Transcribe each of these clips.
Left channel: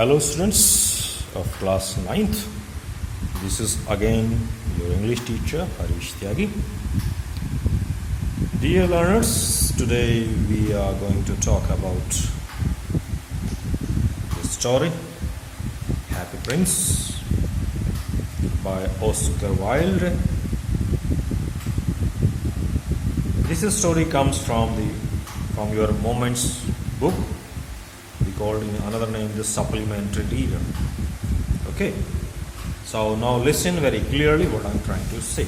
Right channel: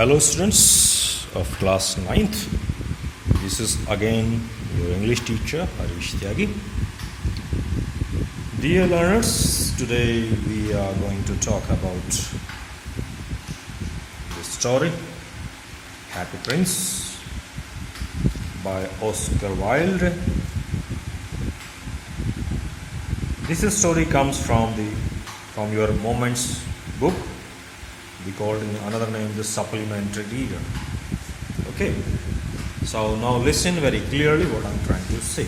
Hello students of class 9th. This is again your English teacher Harish Tyagi. Dear learners, today we are going to talk about the story Happy Prince by Oscar Wilde. This story comes from your Moments book. We called in another name the supplementary reader. Okay, so now listen very clearly what I'm trying to say.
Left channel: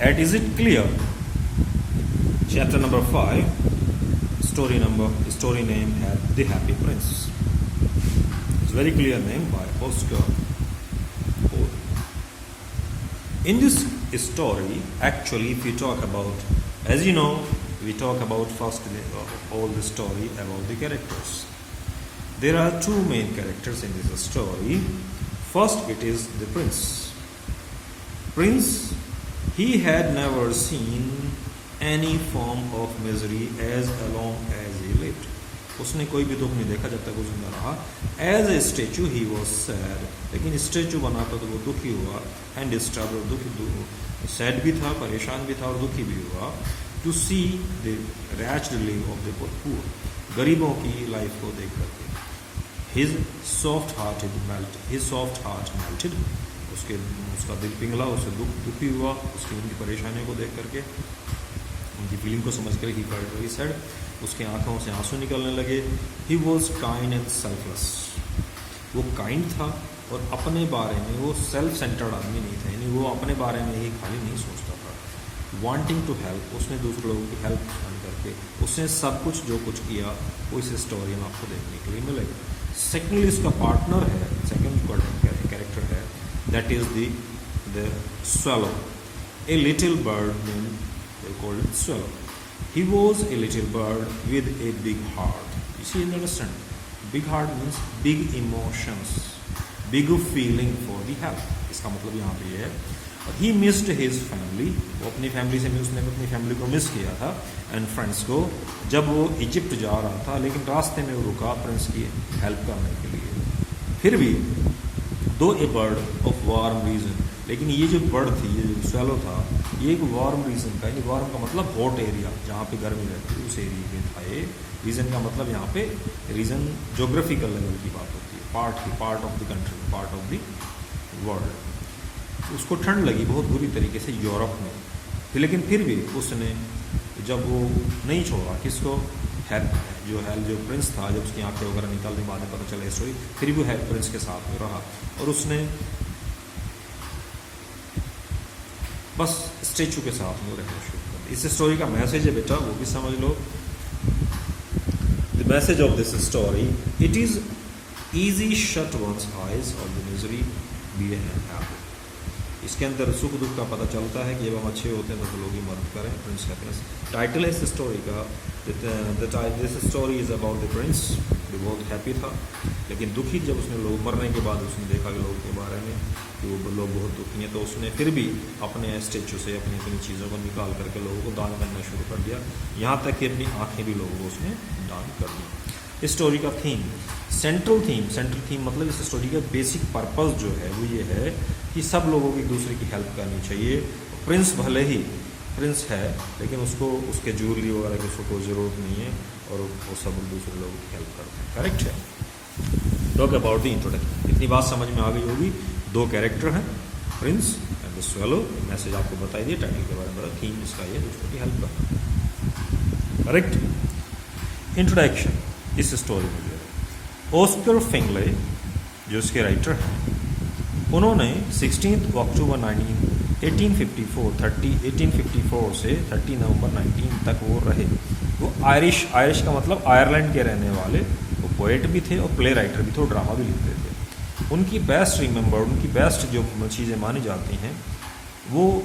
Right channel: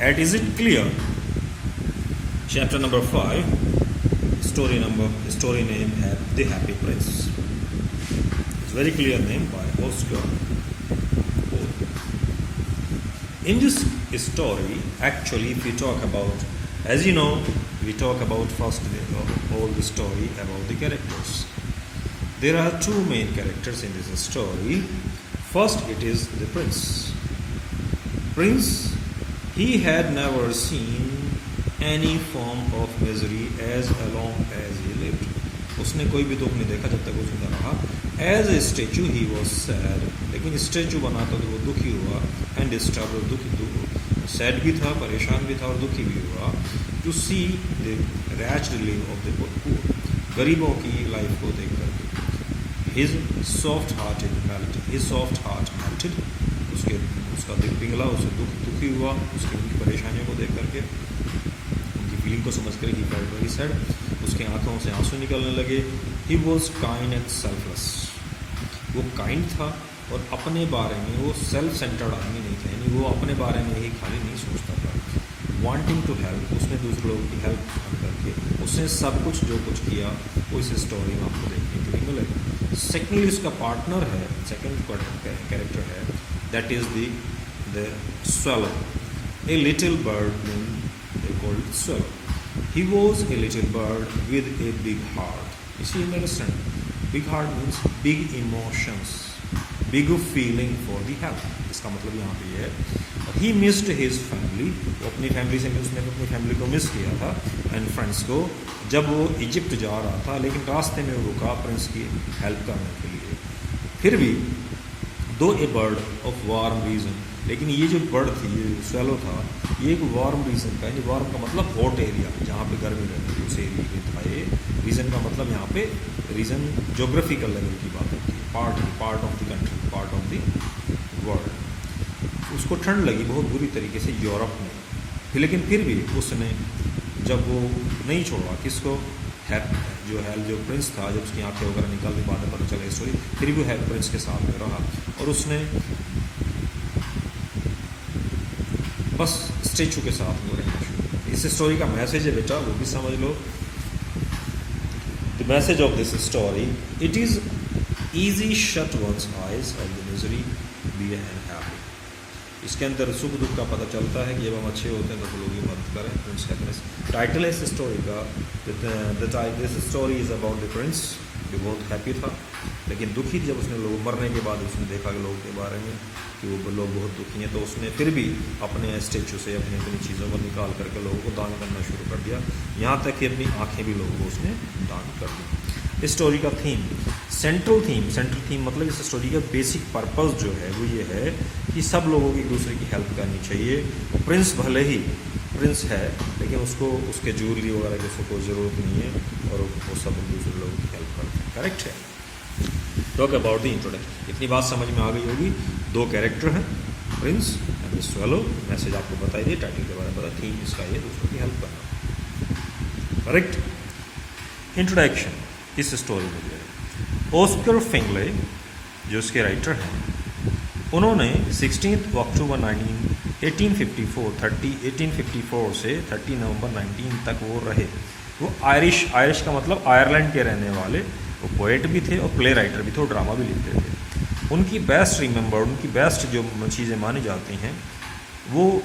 Is it clear? Chapter number 5, story name The Happy Prince. It's a very clear name by Oscar Wilde. In this story, actually, if we talk about, as you know, we talk about first all the story about the characters. There are two main characters in this story. First, it is the prince. Prince, he had never seen any form of misery as long as he lived. उसने कोई भी दुख नहीं देखा जब तक वो जिंदा रहा. As a statue he was sad. लेकिन स्टेचू बना तो वो दुखी हुआ and disturbed, दुखी sad भी था, परेशान भी था और दुखी भी हुआ. To see the wretched life of the poor, गरीबों की लाइफ को देख करके. His soft heart melted. उसका दिल पिघला, उससे दुखी हुआ उसकी उनकी परेशानियों को देख करके, उनकी फीलिंग को समझ कर. He felt very sad. उसके आंखों से आंसू निकलने लगे. He was kind and selfless. वो काइंड था और अपने बारे में वो सेल्फ सेंटर्ड आदमी नहीं था, यानी वो अपने बारे में ही खाली नहीं सोचता था. वांटिंग टू हेल्प, उसने दूसरे लोगों की हेल्प करके उसने सब कुछ जो कुछ किया वो इस स्टोरी में आपको देखने के लिए मिलेगा. सेकेंडली उसका पार्टनर है, सेकेंड कैरेक्टर है, that is the swallow, a little bird named, they called it swallow. He was a little bird with a big heart. You see, understand? Big heart means big emotions, big feeling for the help. इसका मतलब यहाँ पे ये है. He missed his family. वो अपनी family से उसने अपनी फैमिली को मिस किया था एंड फ्रेंड्स को, जब वो इजिप्ट जा रहा था. लेकिन रास्ते में वो रुका प्रिंस की हेल्प करने के लिए. फिर भी दो ए बर्ड ऑफ वार्म रीजन, लेकिन ये जो बर्ड थी, ये swallow था, ये एक वार्म रीजन का, यानी वार्म का मतलब हॉट एरिया जहाँ पे गर्मी रहती है, उस एरिया में था. ये रीजन का मतलब यहाँ पे रीजन जोग्राफिकल लेवल की बात होती है, part of the country, part of the world. उसको ठंड लगी बहुत बुरी तरीके से यूरोप में. लेकिन फिर भी उसने, जब वो नहीं छोड़ा किसको, जो प्रिंस था, जब उसकी आंखें वगैरह निकलने बाद में पता चला स्टोरी, फिर भी प्रिंस के साथ में रहा और उसने बस स्टेचू के साथ में रहना शुरू किया. इस स्टोरी का मैसेज है बेटा, वो भी समझ लो. The message of this story, it is easy shut once eyes of the misery, be and happy. इसके अंदर सुख दुख का पता चलता है कि जब हम अच्छे होते हैं तो लोगों की मदद करें. प्रिंस हैप्पीनेस टाइटल है इस स्टोरी का. This story is about the Prince जो बहुत हैप्पी था, लेकिन दुखी जब उसने लोग मरने के बाद उसने देखा कि लोगों के बारे में कि वो लोग बहुत दुखी हैं, तो उसने फिर भी अपने स्टेचू से अपनी चीज़ों को निकाल करके लोगों को दान करना शुरू कर दिया. यहाँ तक कि अपनी आँखें भी लोगों को उसने दान कर दी. इस स्टोरी का थीम, सेंट्रल थीम मतलब इस स्टोरी का बेसिक पर्पस जो है वो ये है कि सब लोगों की एक दूसरे की हेल्प करनी चाहिए. प्रिंस भले ही प्रिंस है, लेकिन उसको उसके ज्वेलरी वगैरह की उसको कोई ज़रूरत नहीं है और वो सब दूसरे लोगों की हेल्प करते हैं. करेक्ट है. Talk about the introduction. इतनी बात समझ में आ गई होगी. दो कैरेक्टर हैं, Prince and the swallow. Message आपको बताई दिए, टाइटल के बारे में बता, थीम इसका ये दूसरों की हेल्प करना. करेक्ट. इंट्रोडक्शन इस स्टोरी में जो है, ऑस्कर फिंगले जो इसके राइटर हैं, उन्होंने 16 अक्टूबर 1854 से 30 नवंबर 19 तक वो रहे. वो आयरिश का मतलब आयरलैंड के रहने वाले. वो पोएट भी थे और प्ले राइटर भी थे और ड्रामा भी लिखते थे. उनकी बेस्ट जो चीज़ें मानी जाती हैं, वो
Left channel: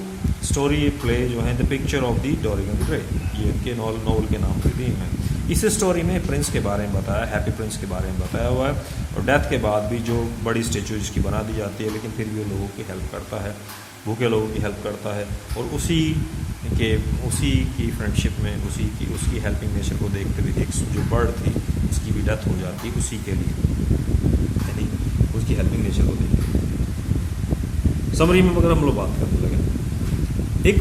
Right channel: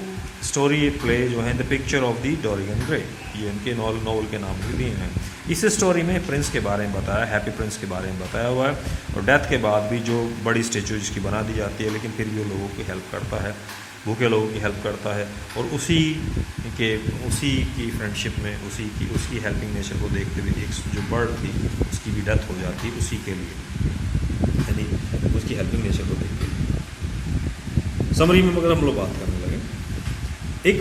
स्टोरी प्ले जो है the picture of the Dorian Gray, ये उनके नॉवल के नाम से दिए हैं. इस स्टोरी में प्रिंस के बारे में बताया, हैप्पी प्रिंस के बारे में बताया हुआ है, और डेथ के बाद भी जो बड़ी स्टेचू जिसकी बना दी जाती है, लेकिन फिर भी वो लोगों की हेल्प करता है. भूखे लोगों की हेल्प करता है, और उसी की फ्रेंडशिप में उसकी हेल्पिंग नेचर को देखते हुए एक जो बर्ड थी उसकी भी डेथ हो जाती उसी के लिए, यानी उसकी हेल्पिंग नेचर को देख के। समरी में अगर हम लोग बात करने लगे, एक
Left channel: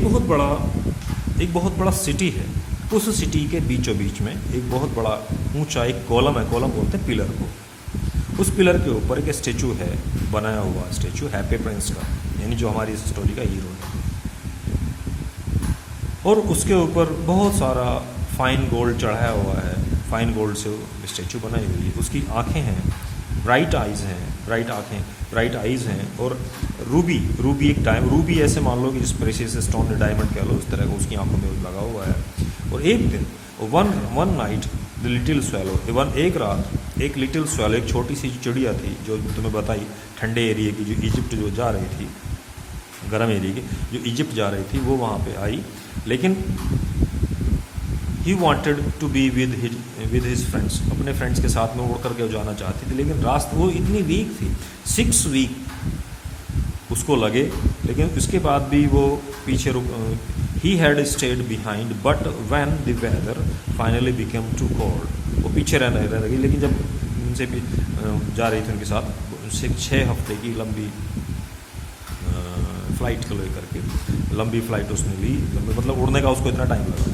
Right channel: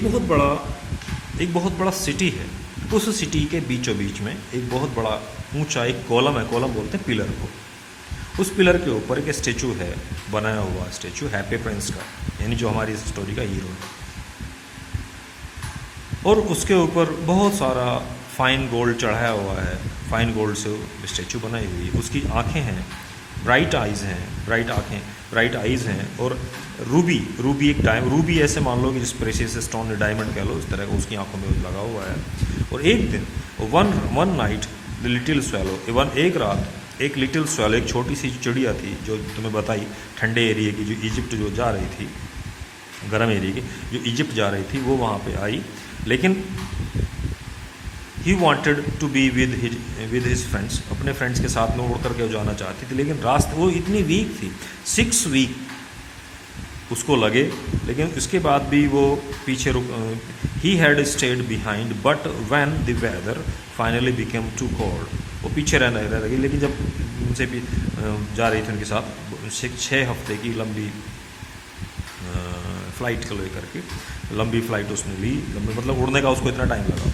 बहुत बड़ा सिटी है, उस सिटी के बीचों बीच में एक बहुत बड़ा ऊंचा एक कॉलम है, कॉलम बोलते हैं पिलर को। उस पिलर के ऊपर एक स्टेचू है, बनाया हुआ स्टेचू हैप्पी प्रिंस का, यानी जो हमारी इस स्टोरी का हीरो है। और उसके ऊपर बहुत सारा फाइन गोल्ड चढ़ाया हुआ है, फाइन गोल्ड से स्टेचू बनाई हुई है। उसकी आंखें हैं, ब्राइट आइज़ हैं, और रूबी एक रूबी ऐसे मान लो कि जिस प्रेशियस स्टोन डायमंड कह लो, उस तरह का उसकी आंखों में लगा हुआ है। और एक दिन one night the little swallow, एक रात एक लिटिल स्वैलो, एक छोटी सी चिड़िया थी जो तुम्हें बताई ठंडे एरिया की, जो इजिप्ट जो जा रही थी, गर्म एरिया की जो इजिप्ट जा रही थी, वो वहाँ पे आई। लेकिन he wanted to be with his friends, अपने फ्रेंड्स के साथ में उड़ करके जाना चाहती थी, लेकिन रास्ते वो इतनी वीक थी, 6 वीक उसको लगे, लेकिन उसके बाद भी वो पीछे he had stayed behind but when the weather finally became too cold, वो पीछे रहने लगी। लेकिन जब उनसे भी जा रही थी उनके साथ, 6 हफ्ते की लंबी फ्लाइट को लेकर के, लंबी फ्लाइट उसने ली, मतलब उड़ने का उसको इतना टाइम लगा,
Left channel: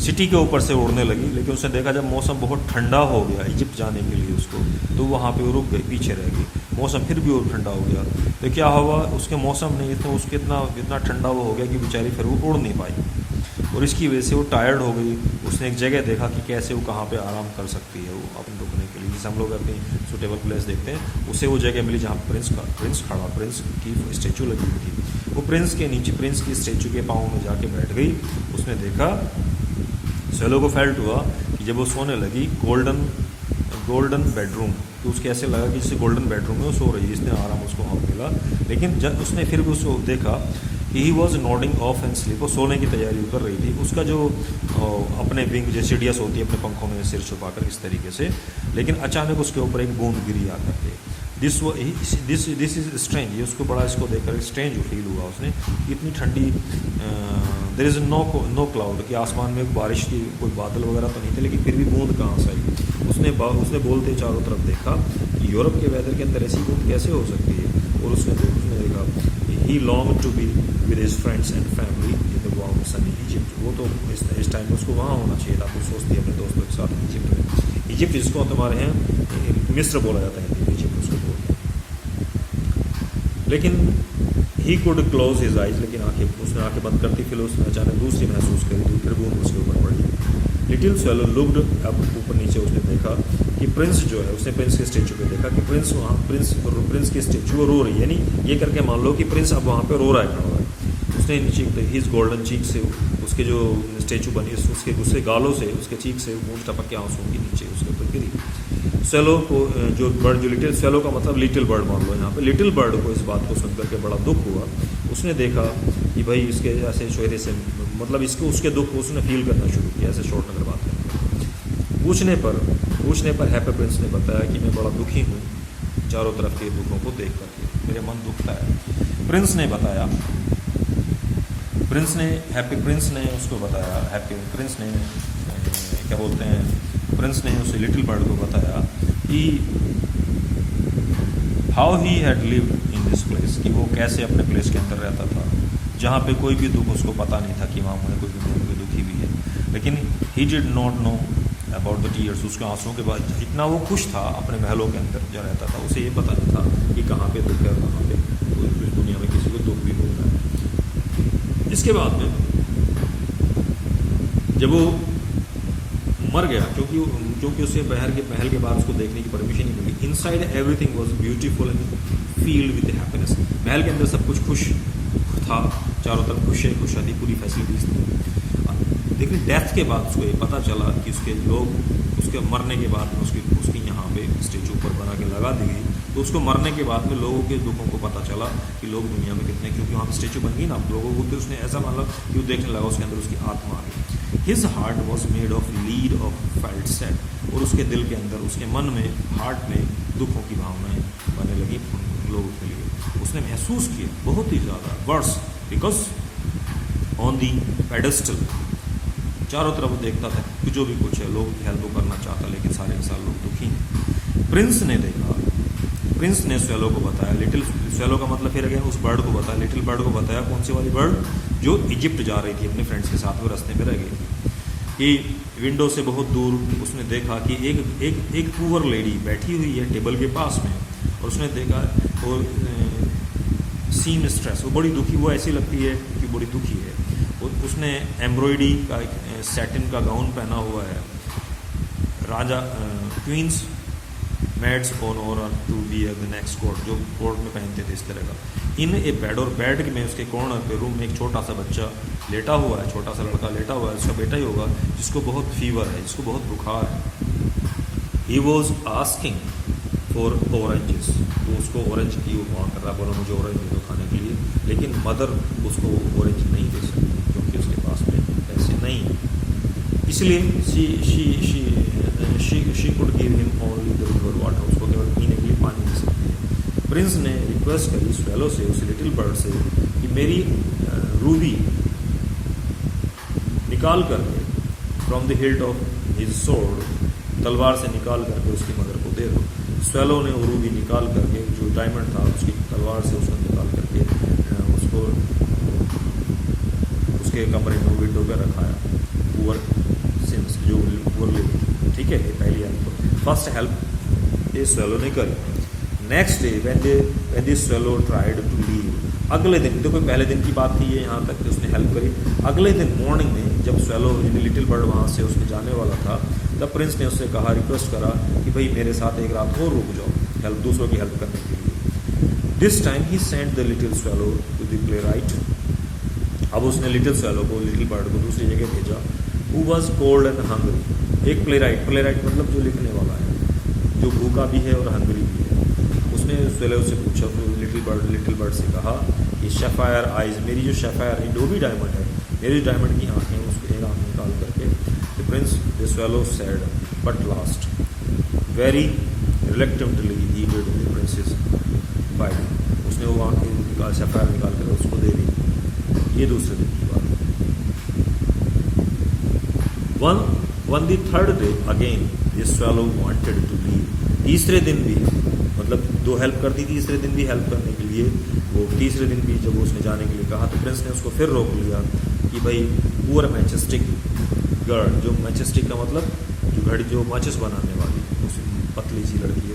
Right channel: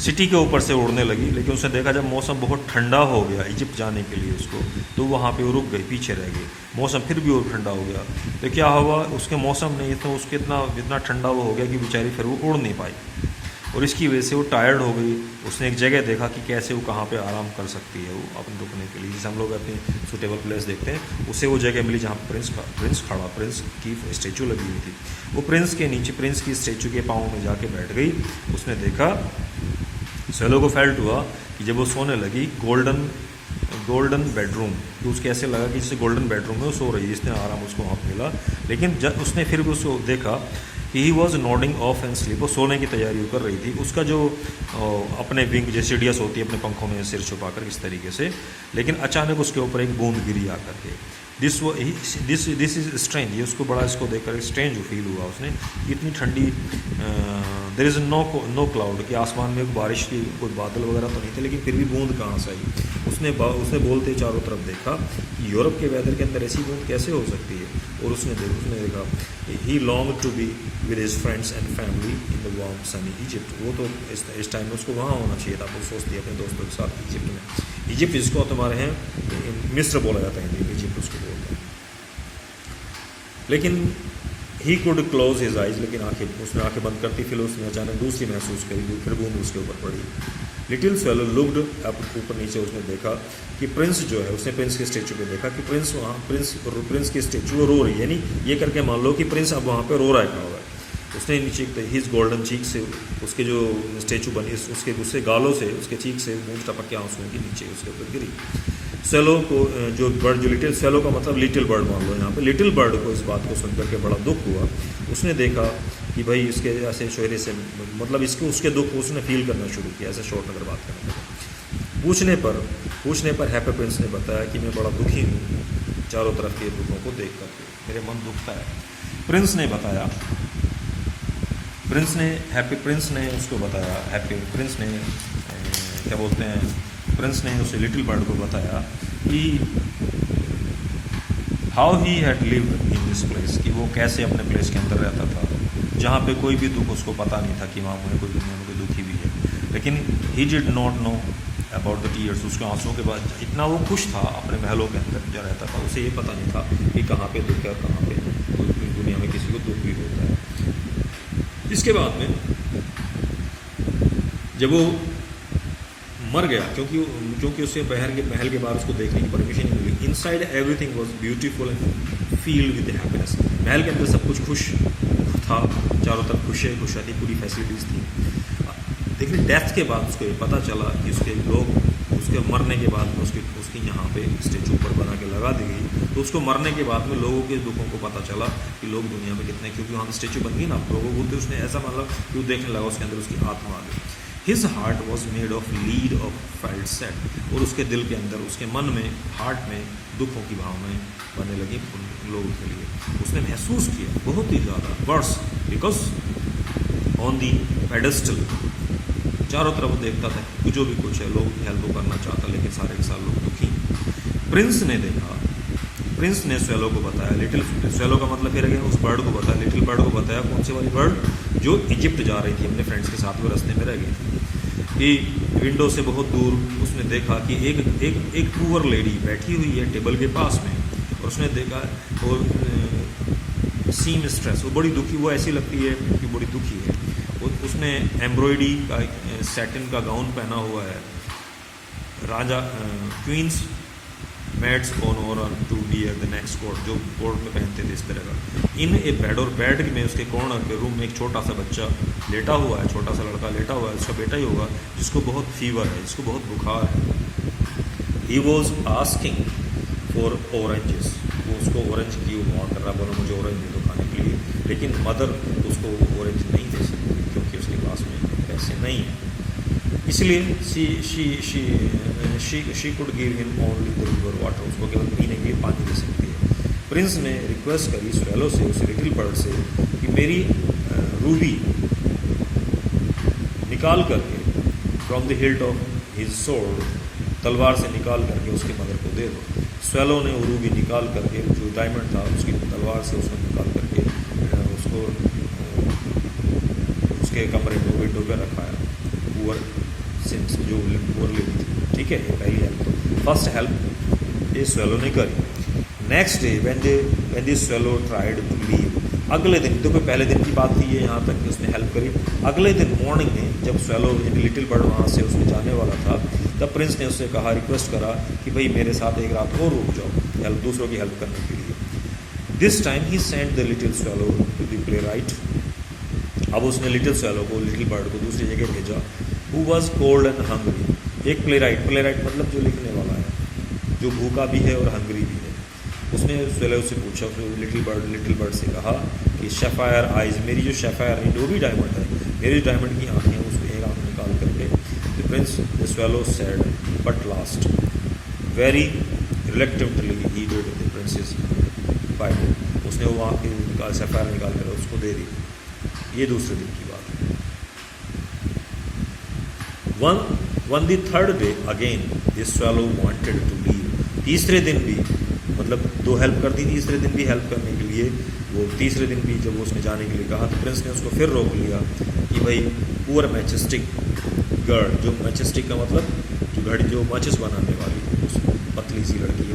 सिटी के ऊपर से उड़ने लगी। लेकिन उसने देखा जब मौसम बहुत ठंडा हो गया इजिप्ट जाने के लिए उसको, तो वहाँ पे वो रुक गई, पीछे रह गई। मौसम फिर भी और ठंडा हो गया, तो क्या हुआ, उसके मौसम ने उसके इतना ठंडा वो हो गया कि बेचारी फिर वो उड़ नहीं पाई, और इसकी वजह से वो टायर्ड हो गई। उसने एक जगह देखा कि कैसे वो कहाँ पे आराम कर सकती है वो अपने रुकने के लिए, जैसे हम लोग अपनी सूटेबल प्लेस देखते हैं, उसे वो जगह मिली जहाँ प्रिंस की स्टैचू लगी हुई थी। वो प्रिंस के नीचे, प्रिंस की स्टैचू के पाँव में जाके बैठ गई। उसने देखा, स्वैलो को फेल्ट हुआ कि जब वो सोने लगी, गोल्डन बेडरूम, तो उसके ऐसे लगा कि जैसे गोल्डन बेडरूम में वो सो रही है, इसने आराम उसको वहाँ पर मिला। लेकिन जब उसने फिर भी उसको देखा, he was nodding of and sleep, वो सोने की तैयारी कर रही थी। उसका जो अपने विंग जैसे डियस होती है अपने पंखों में सिर छुपा कर इस तरीके से, लेकिन अचानक उसके ऊपर एक बूंद गिरी आकर के। दिस इज स्ट्रेंज, ये उसको बड़ा इसको देखकर स्ट्रेंज फील हुआ उसने, इतनी ठंडी, देयर इज़ नो क्लाउड, कि आसमान में बारिश की कोई बादल वगैरह तो नहीं थे, लेकिन फिर भी बूंद कहाँ से आई। उसने बोलते चारों तरफ देखा कि यूरोप के वेदर के अंदर ऐसी बूंद कैसे हो सकती है, और उसने देखा he long to be with his friends and family in the warm sunny Egypt. वो तो इस टाइम में उसको वहाँ होना चाहिए था, वो सोचती है अपने दोस्तों के साथ इजिप्ट में। इजिप्ट जिसको तुम्हारे यहाँ मिस्र बोला जाता है, हिंदी में इजिप्ट उसको बोलते हैं। लेकिन he could close his eyes, लेकिन उसने आंखें बंद करती, फिर उसने अचानक दूसरी महसूस करी, फिर बूंद उसके ऊपर पड़ी। लिटिल स्वैलो लुक्ड अप, ऊपर नीचे उसने देखा कि प्रिंस जो है, उसने प्रिंस के स्टेचू पे देखा कि प्रिंस की स्टेचू रो रही है, यानी ये करके मान लो कि प्रिंस अब वहाँ पे रो रहा है, खड़ा हुआ है। उसने नीचे हिज गोल्डन चीक से, उसके जो स्टेचू बनी, उसके गालों से, उसके चीक से बूंद टपक के आंसू की नीचे उसके ऊपर गिरी। स्वैलो को जो लिटिल स्वैलो का मतलब लिटिल बर्ड मान लो यहाँ पे, लिटिल बर्ड को इस बात को सुनकर के बड़ा दुख हुआ। उसने देखा कि भाई इसके ऐसे चेहरे से, मतलब उसके दुख को उसने फील करना शुरू किया, ऐसे शॉर्ट अगर बात करें। पूछने पर हैप्पी प्रिंस ने बताया कि मैं बड़ा दुखी हूँ चारों तरफ के दुखों को देख करके, मेरे मन दुखता है। हैप्पी प्रिंस ने उसको बताया, प्रिंस ने उसे लिटिल बर्ड को बताया कि how he had lived in this place, कि वो कैसे अपने प्लेस के अंदर रहता था, जहाँ पे कोई भी दुख उसको पता नहीं था कि वहाँ मुझे कोई दुनिया में कोई दुखी भी है। लेकिन he did not know about the tears, उसके आंसुओं के बाद इतना वो खुश था अपने महलों के अंदर जो रहता था, उसे ये पता नहीं था कि कहाँ पे दुख है और कहाँ पे दुनिया में किसी को दुख भी होता है। इसके बाद में जब वो मर गया, क्योंकि उसे महल के बाहर उसको देखने की परमिशन नहीं मिली। Inside everything was beautiful and filled with happiness, महल के अंदर सब कुछ खुश था, चारों तरफ खुशियाँ थी, पूरी फैसिलिटीज़ थी। लेकिन डेथ के बाद उसको ये पता चला कि उसके मरने के बाद में उसकी यहाँ पे स्टेचू ऊपर बना के लगा दी गई, तो उसको मरने के बाद में लोगों के दुखों को पता चला कि लोग दुनिया में कितने, क्योंकि वहाँ पे स्टेचू बन गई ना लोगों को, तो उसने ऐसा मतलब क्यों देखने लगा, उसके अंदर उसकी आत्मा आ गई। His heart was made of lead of felt set, और उसके दिल के अंदर, उसके मन में, हार्ट में दुखों की भावनाएं बनने लगी उन लोगों के लिए। उसने महसूस किया बहुत ही ज़्यादा worse, because on the pedestal, चारों तरफ देखता था कि जो भी कुछ है, लोग हेल्प करना चाहता, लेकिन सारे के सारे लोग दुखी। प्रिंस ने देखा, प्रिंस ने स्वेलो को बताया, लिटिल स्वेलो का मतलब फिर गया उस बर्ड को बताया, लिटिल बर्ड को बताया, कौन सी वाली बर्ड, जो इजिप्ट जा रही थी अपने फ्रेंड्स के साथ, वो रास्ते में रह गई थी, कि विंडो से बहुत दूर उसने देखा कि एक पुअर लेडी बैठी हुई है टेबल के पास में, और उसने देखा और सीम स्ट्रेस, वो बड़ी दुखी, वो ऐसी लगती है कि बड़ी दुखी है। उसने एम्ब्रॉयडरी का सैटिन का गाउन पहना हुआ है, राजा queen's maids honour to be the next court, जो कोर्ट में पहनते थे इस तरह का, इन ए बेड, और बेड में उसके कॉर्नर पे रूम में एक छोटा सा बच्चा लेटा हुआ है, छोटा सा लड़का लेटा हुआ है, उसका बेटा ही होगा, जिसको बहुत फीवर है, जिसको बहुत बुखार है। He was asking for oranges, वो उसको ऑरेंज की मांग कर रहा, बोलो मुझे ऑरेंज दे दो खाने के लिए, लेकिन मदर उसको ऑरेंज नहीं दे सकती क्योंकि उसके पास में पैसे नहीं है, इसलिए she could give him only the river water, उसको केवल पीने के लिए पानी दे सकती है। प्रिंस ने रिक्वेस्ट करी स्वेलो से, उस लिटिल बर्ड से, कि मेरी रूबी निकाल करके from the hilt of his sword, तलवार से निकाल करके उसकी मदर को दे दो। स्वेलो ने वो रूबी निकाल करके, जो डायमंड था उसकी तलवार से उसने निकाल करके उसको उसके कमरे में विंडो पर रखाया, पुअर सिंस, जो पुअर लेडी थी, ठीक है। ये पहली हेल्प, तो फर्स्ट हेल्प ये स्वेलो ने करी। Next day when the swallow tried to leave, अगले दिन, देखो पहले दिन की बात थी ये, यहाँ तक कि उसने हेल्प करी। अगले दिन मॉर्निंग में जब स्वेलो यानी लिटिल बर्ड वहाँ से उसने जाने वाला था, तब प्रिंस ने उससे कहा, रिक्वेस्ट करा कि भाई मेरे साथ एक रात और रुक जाओ, हेल्प, दूसरों की हेल्प करने के लिए। This time he sent the little swallow to the playwright, अब उसने लिटिल स्वेलो को, लिटिल बर्ड को दूसरी जगह भेजा, who was cold and hungry, एक प्ले राइट मतलब जो लिखने वाला है, जो भूखा भी है और हंग्री भी है। उसने स्वेलो से पूछा, लिटिल बर्ड से कहा कि शेफायर आइज, मेरी जो शेफायर जो भी डायमंड है, मेरी डायमंड की आँखें, उसको एक आँख निकाल करके, the prince the swallow said but last very reluctantly he did the prince's bite, उसने वो आँखें निकाल, शेफायर निकाल कर उसको दे दी। ये दूसरे दिन की बात है। On the third day again this swallow wanted to leave, तीसरे दिन भी, मतलब दो हेल्प कर दी, तीसरे दिन भी हेल्प करने के लिए, वो तीसरे दिन भी जब उसने जाने के लिए कहा, तो प्रिंस ने उसको फिर रोक लिया कि भाई पुअर मैचेस्टिक गर्ल, जो मैचेस्टिक का मतलब जो घड़ी, जो माचिस बनाने वाली, उस पतली सी लड़की है,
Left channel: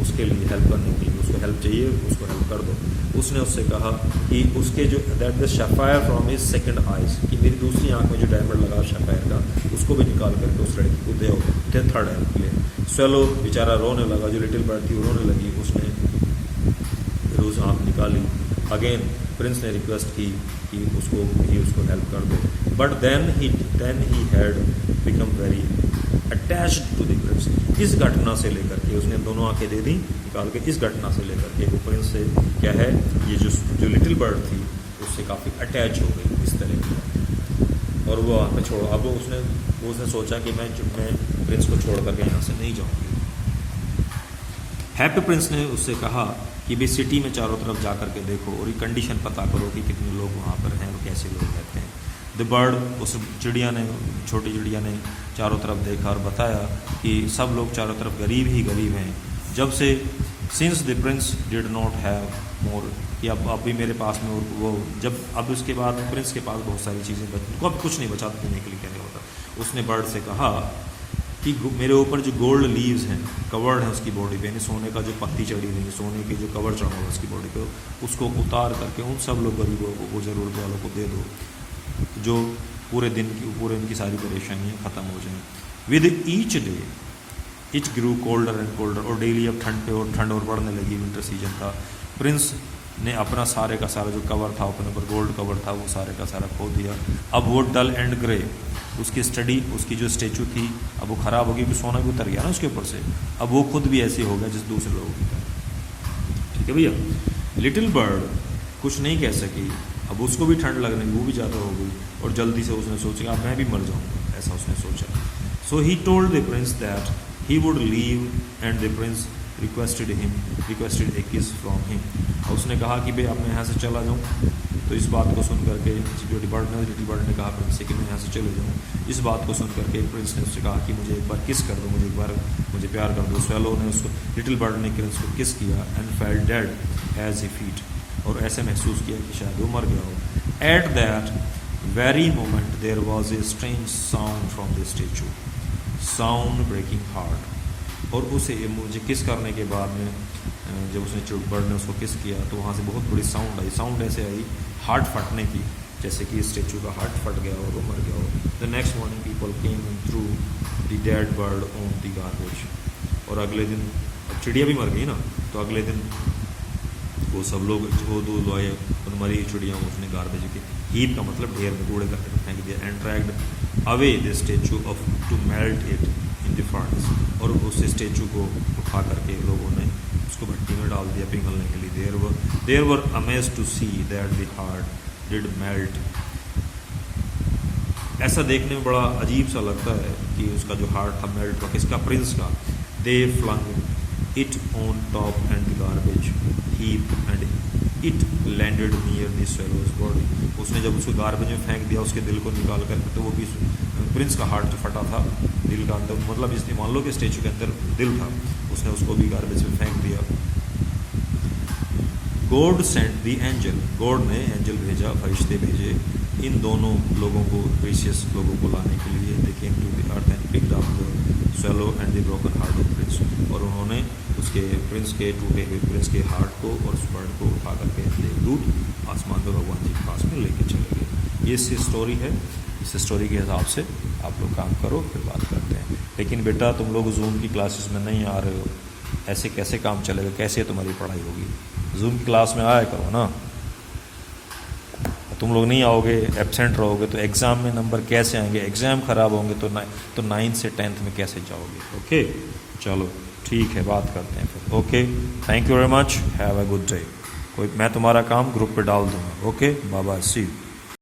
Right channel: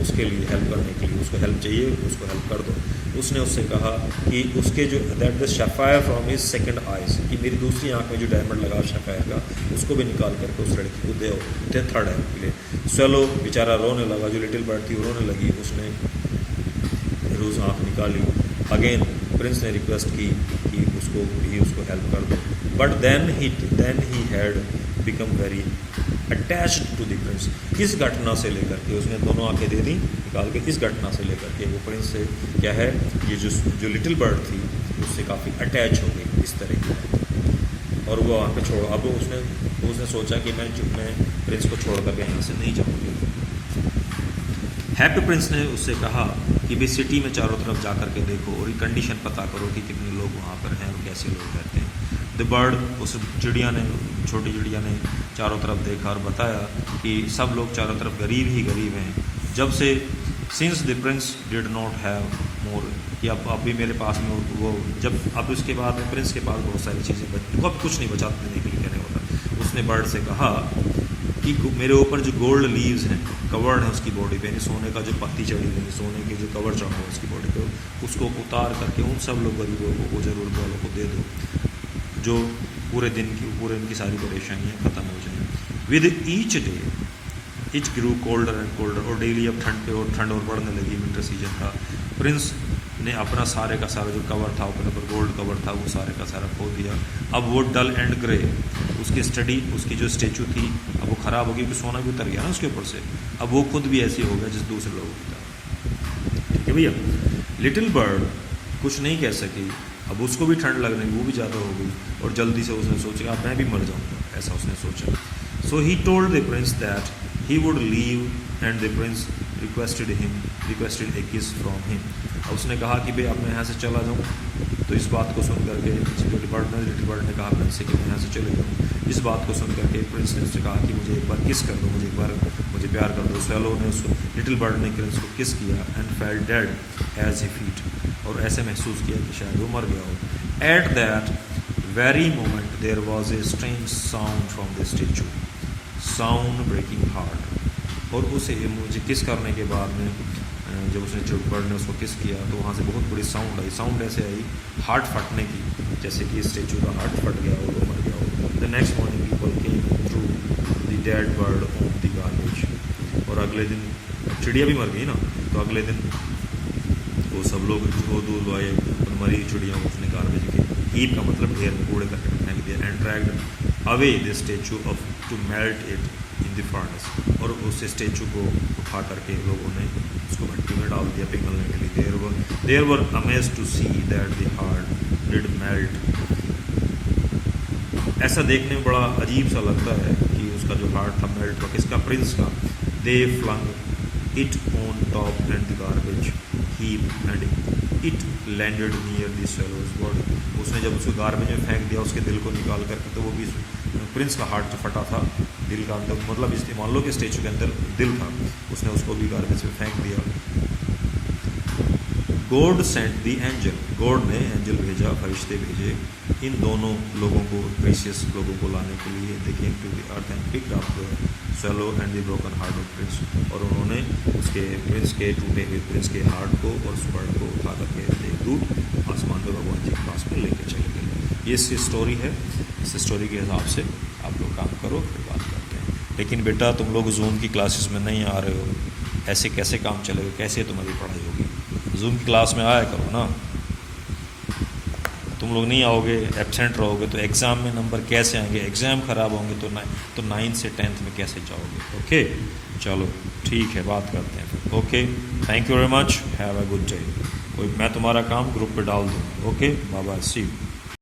उसके लिए हेल्प करने के लिए, उसको हेल्प चाहिए, उसको हेल्प कर दो। उसने उससे कहा कि उसके जो that the sapphire from his second eyes, कि मेरी दूसरी आंख में जो डायमंड लगा शेफायर का, उसको भी निकाल करके उस लड़की को दे थर्ड हेल्प के लिए। स्वेलो बेचारा रोने लगा, जो लिटिल बर्ड थी वो रोने लगी, उसने रोज आंख निकाली। अगेन प्रिंस ने रिक्वेस्ट की कि उसको हेल्प कर दो, but then he had become very attached to the prince. इस घटना से लेकर के, उसने दोनों आंखें दे दी निकाल के, इस घटना से लेकर के वो प्रिंस से क्या है, ये जो लिटिल बर्ड थी उससे काफ़ी अटैच हो गई इस तरह की बात, और वो वहाँ पे छोड़, अब उसने सोचा कि मैं प्रिंस को छोड़ करके यहाँ से नहीं जाऊँगी। हैप्पी प्रिंस ने उससे कहा कि भाई सिटी में चारों तरफ जा करके देखो और ये कंडीशन पता करो कि कितने लोग वहाँ पर हैं और कैसे लोग रहते हैं। द बर्ड, उस चिड़िया ने, छोटी चिड़िया ने चारों तरफ देखा और बताया कि सब लोग चारों तरफ गरीब ही गरीब हैं। जब से since the Prince did not have more, कि अब भी मेरे पास में वो, जब अब उसके बाद प्रिंस के पास बहुत सारी चीज़ें बची, वो अब कुछ नहीं बचा देने के लिए कहने वाला। उसने बर्ड से कहा कि मेरे ऊपर जो गोल्ड लीव्स हैं, कवर्ड है उसकी बॉडी पे, यानी सोने का जो पत्ती चढ़ी हुई, सोने के जो कवर चढ़ा हुआ उसकी बॉडी पे, उसको उतार करके उन सब लोग गरीबों को, ज़रूरत वालों को दे दो, जो पूरे दिन की सारी परेशानियाँ ख़त्म हो जाएं। With each day it grew colder and colder, और डेली अब ठंड और बढ़ने लगी, विंटर सीजन था। प्रिंस ने अपना सारे का सारा जो कवर था, अपने ऊपर गोल्ड कवर था, वो सारे का सारा खो दिया। अब वो डल एंड ग्रे, उसकी जो स्टेचू थी अब वो ख़राब हो गई, कि सोना भी उतर गया ना उसके ऊपर से, अब वो खुद भी ऐसी हो गया जिस दूसरे लोगों की तरह। ठीक है भैया। लिटिल बर्ड कुछ नहीं कह सकी, अब उसको भी ठंड लगने लगी, वो भी ज़्यादा हो गई और जल्दी से उसने सोचा अब मैं भी मर जाऊँगा, ऐसा उसने सोचा। So he told the prince that he would leave and the prince requested a kiss from him. उसने कहा कि भाई अब मैं यहाँ से चला जाऊँ। तो इस बात को सुन करके सिक्योरिटी बर्ड लिटिल बर्ड ने कहा प्रिंस से कि मैं यहाँ से चले जाऊँ। इस बात को सुन करके प्रिंस ने उससे कहा कि मुझे एक बार किस कर दो, मुझे एक बार मुझे प्यार कर दो। स्वैलो ने उसको लिटिल बर्ड ने प्रिंस को किस किया and fell dead at his feet, और ऐसे महसूस किया कि शायद वो मर गया हो। At that very moment there was a strange sound from the statue, sound breaking heart. और उसे मुझे किस करने के बाद में जब उसने बर्ड ने उसको किस किया तो वहाँ से बहुत बड़ी साउंड आई। साउंड ऐसे आई हार्ट फटने की, जैसे कि स्टेचू का हार्ट फट गया और वो मर गया हो। The next morning people came through the dead bird on the garbage. और अगले दिन चिड़िया भी मर गई ना, तो अगले दिन वो सब लोग जो दूध आए और मरी चिड़िया उसने गार्बेज के हीप का मतलब ढेर में कूड़े करके फेंक दिया। And dragged away the statue off to melt it in the furnace. और उस स्टेचू को उठा करके लोगों ने उसको भट्टी में डाल दिया पिघलने के लिए। There were amazed to see that the heart did melt. ऐसा देखने में बड़ा अजीब सा लगता है कि उसका जो हार्ट था मेल्ट हुआ, किसका, प्रिंस का। They flung it on top and the garbage heap and it landed near the swallow's body. उसने जब उसको गार्बेज में फेंक दिया उसके दिल को निकाल करके, तो वो भी प्रिंस का हार्ट जो फटा था दिल का अंदर, मतलब इसलिए मान लो कि स्टेचू के अंदर दिल था, उसने उसको भी गार्बेज में फेंक दिया। God sent the angel, God ने एंजल भेजा, फरिश्ते भेजे इन दोनों लोगों को, प्रीशियस लोगों को लाने के लिए। They came to the earth and picked up the swallow and the broken heart of prince. और उन्होंने उसके प्रिंस के टूटे हुए प्रिंस के हार्ट को और उस बर्ड को उठा करके देवदूत आसमान में भगवान जी के पास में लेके चले गए। ये स्टोरी है। इस स्टोरी के हिसाब से आप लोग काम करो, फिर बात करते हैं। लेकिन बेटा तुम लोग जूम की क्लासेस में नहीं आ रहे हो, ऐसे कैसे काम चलेगा, कैसे तुम्हारी पढ़ाई होगी? जूम की क्लास में आया करो ना। तुम लोग नहीं आओगे, एब्सेंट रहोगे, तो एग्ज़ाम में नंबर कैसे आएंगे? एग्ज़ाम ख़राब होंगे तो 9th से 10th में कैसे जाओगे? ओके, चलो ठीक है, बात करते हैं फिर। Okay, thank you very much, have a good day. मैं तुम्हारा काम ग्रुप पे डाल दूँगा। Okay, bye bye, see you.